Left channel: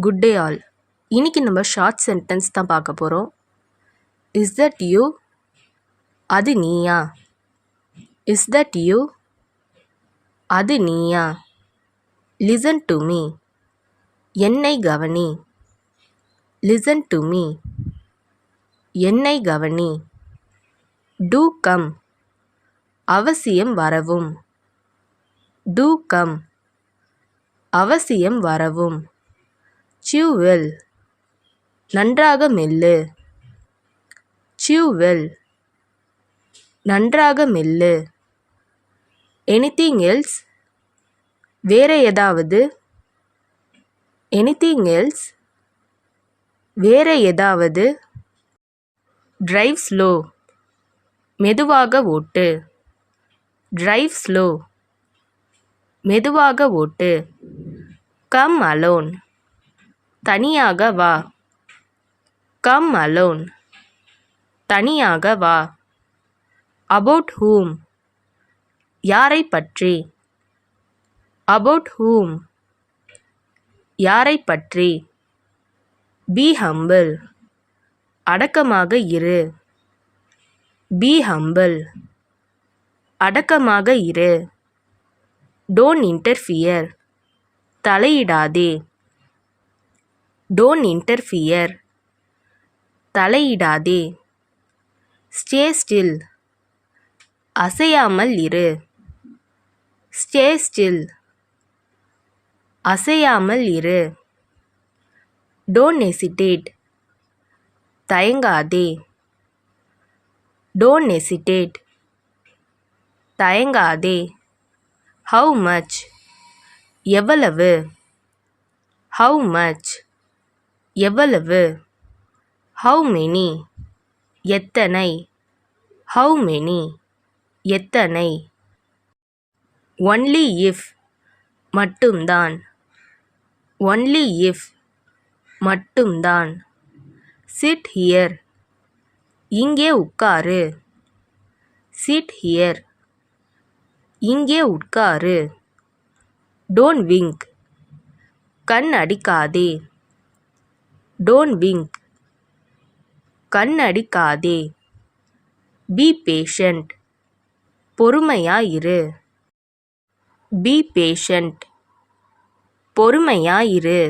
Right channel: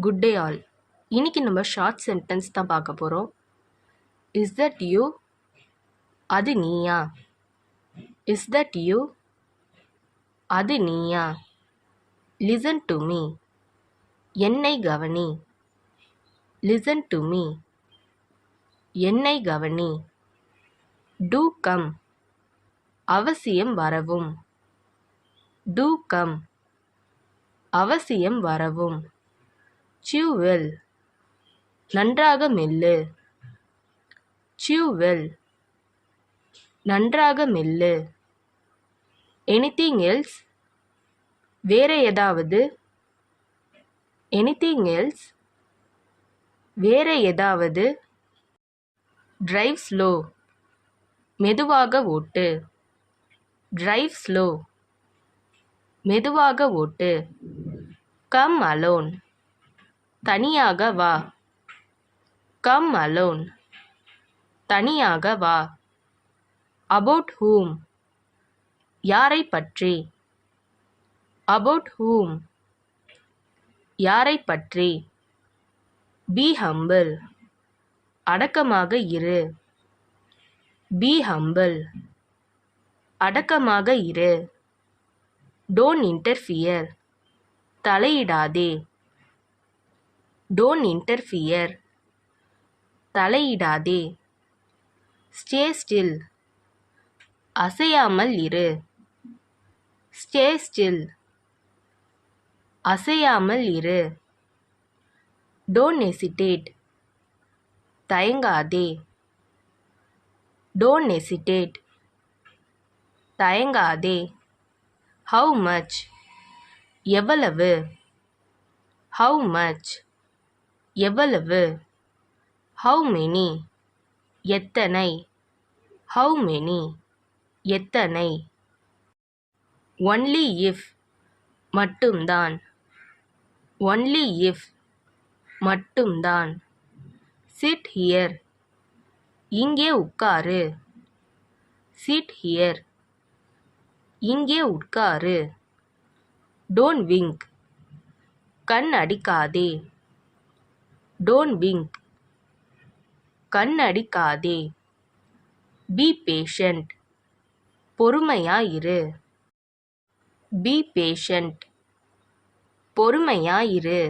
Good day all. இன்னைக்கு நம்ம short sentence தான் பார்க்க போகிறோம். Is that you? அது நீயா? Is that you? அது நீயா? Listen to me. என்னை கவனி. Listen to me. என்னை கவனி. Do come. அவசியம் வரவும். Do come. அவசியம் வரவும். chew well. நன்றாக மெல்லு. chew well. நன்றாக மெல்லு. anything else? வேற ஏதாவது? anything else? வேற ஏதாவது? drive slow. மெதுவாக ஓட்டு. drive slow. மெதுவாக ஓட்டு. come alone. தனியாக வா. come alone. தனியாக வா. about whom? யாரை பற்றி? about whom? யாரை பற்றி? be humble. அடக்கமாக இரு. be humble. அடக்கமாக இரு. don't interfere. தலையிடாதே. don't interfere. தலையிடாதே. stay still. அசையாமல் இரு. stay still. அசையாமல் இரு. don't hesitate. தயங்காதே. don't hesitate. தயங்காதே. how much? எவ்வளவு? how much? எவ்வளவு? how many? எத்தனை? how many? எத்தனை? only if. மட்டும்தான். only if. மட்டும்தான். sit here. இங்கே உட்காரு. sit here. இங்கே உட்காரு. don't wink. கண் அடிக்காதே. don't wink. கண் அடிக்காதே. be patient. பொறுமையாயிரு. be patient. பொறுமையாயிரு.